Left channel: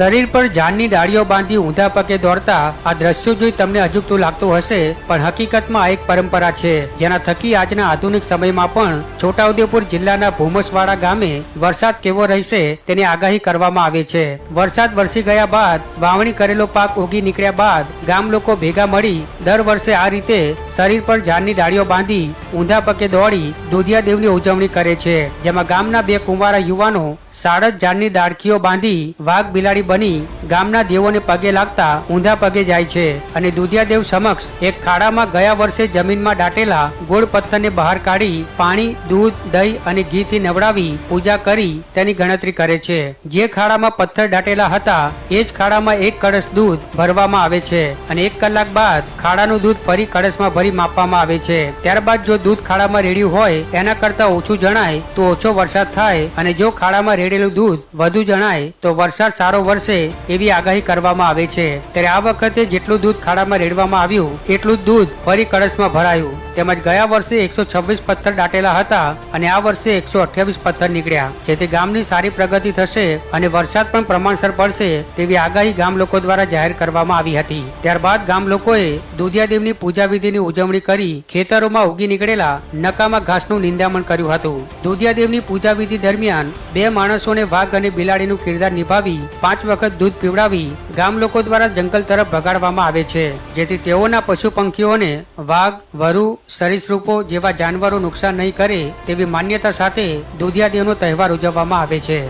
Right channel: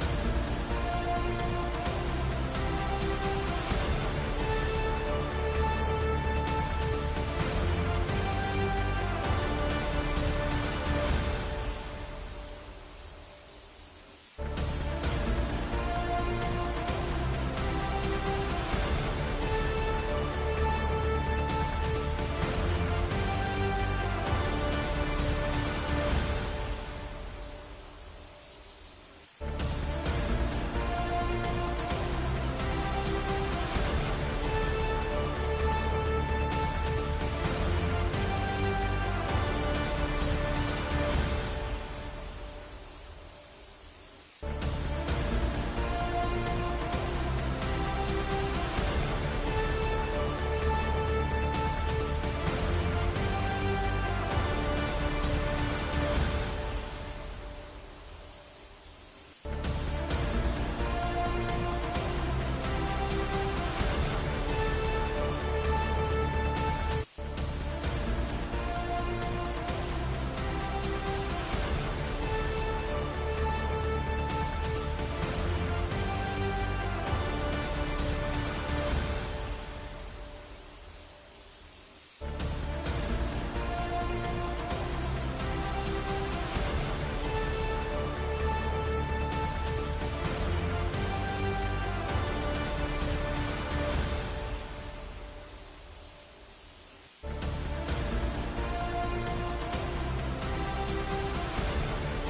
શરીર પર ઝાડની ડાળીઓ બાંધી ઊંધા પગે દોડતા આ દ્રશ્યો જોઈ તમને અજુગતું લાગતું હશે, પણ હકીકતમાં આ એક પરંપરા છે જેના થકી આજના આધુનિક સમયમાં પણ છોટાઉદેપુર જિલ્લાના ભૂમસવાડા ગામે વરસાદ કેવો રહેશે તેની આગાહી કરવામાં આવે છે। વરસાદ વરસી ગયા બાદ વાવણી કરેલો પાક ઉગી નીકળ્યા બાદ ગામ લોકો ભેગા મળી દર વર્ષે આ રીતે શરીર પર ઝાડની ડાળીઓ બાંધી ઊંધા પગે દોડી દુધિયા દેવની ઉજવણી કરે છે, જેમાં ગામના બે કુંવારા યુવાનો સાડજ ઝાડની ડાળખીઓ બાંધી વાઘ બિલાડી બની ગામના દેવોને પગે લાગતા ઊંધા પગે જાય છે અને દુધિયા દેવ સમક્ષ એક ખાડામાં ગયા વર્ષે જમીનમાં દાટેલા ગોળ પથ્થરને બહાર કાઢી પાણી, દૂધ, દહીં અને ઘીથી નવડાવી પૂજા કરી તેની ગણતરી કરે છે। જે ખાડામાં પથ્થર દાટેલા હતા એ જ ખાડામાં એક કળશ દૂધ ભરવામાં આવે છે અને 1 કલાક બાદ ખાડાનું દૂધ ફરી કળશમાં ભરી માપવામાં આવે છે। ત્યારબાદ જો દૂધ ખાડામાં રેડ્યું હોય એના કરતા ઓછું જણાય તો ઓછો વરસાદ થાય અને જો ખાડામાં રેડેલું દૂધ વધુ જણાય તો વરસાદ સારો વરસે એવી આગાહી કરવામાં આવે છે। ત્યારે આ વખતે જેટલું દૂધ ખાડામાં રેડવામાં આવ્યું એટલું જ દૂધ ફરી કળશમાં ભરાયું। તેમજ ગયા વર્ષે 126 પથ્થર દાટેલા હતા અને આ વર્ષે 128 પથ્થર નીકળ્યા, જેથી ગામની સારી પ્રગતિ થશે અને વરસાદ પણ પ્રમાણસર પડશે તેવી આગાહી ગામ લોકો દ્વારા જાહેર કરવામાં આવી હતી। ત્યારબાદ ગામ લોકોએ દુધિયા દેવની પૂજા વિધિની ઉજવણી કરી ખેતરોમાં ઉગી નીકળેલા નકામા ઘાસનું નિંદામણ કર્યું હતું। દુધિયા દેવની પૂજા વિધિ દરમિયાન 2 માણસોને વાઘ અને બિલાડીનું કિરદાર નિભાવી 5 વખત દૂધ પીવડાવી ગામ લોકો દ્વારા જંગલ તરફ ભગાડવામાં આવે છે, જેથી તેઓના પશુ પંખીઓને વાઘ, વરુ, સરીસૃપો જેવા જાનવરો નુકસાન નહીં કરે તેવી માન્યતા સાથે દુધિયા દેવનો તહેવાર ઉજવવામાં આવે છે।